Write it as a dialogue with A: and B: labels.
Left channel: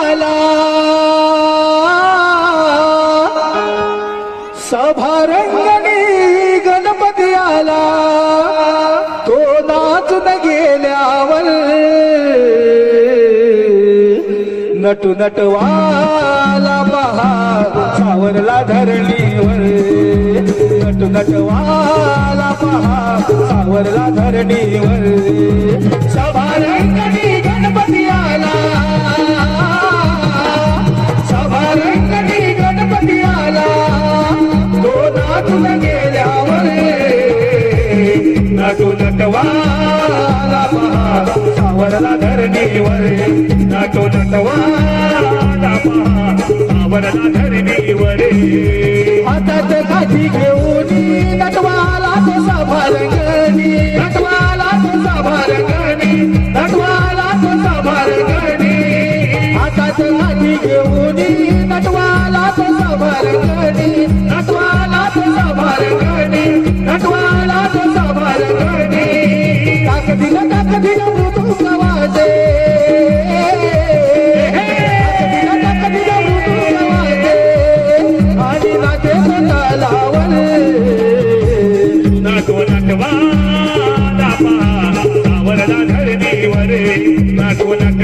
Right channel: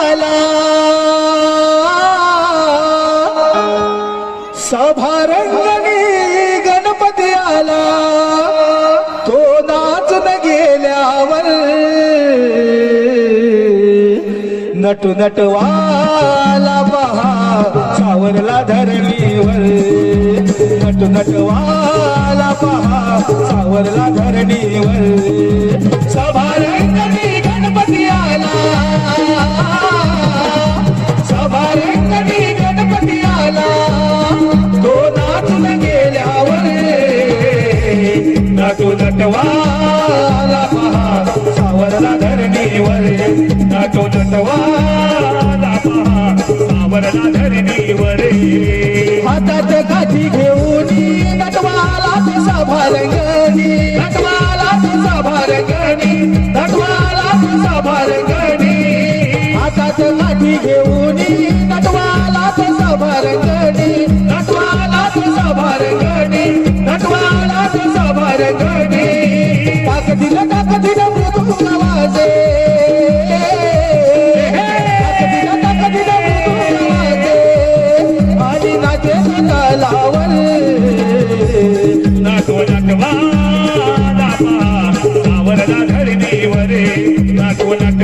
A: आला. सभारंगणी गणपती आला. तो नाचून गेल्यावर नटू नटवाला पहा सावरला धरणीवर. नटू नटवाला पहा सावरला धरणीवर. सभारंगणी हातात काठी घेऊन नटवाला ते सभारंगणी नटवाला ते सभारंगणी नटवाला हातात काठी घेऊन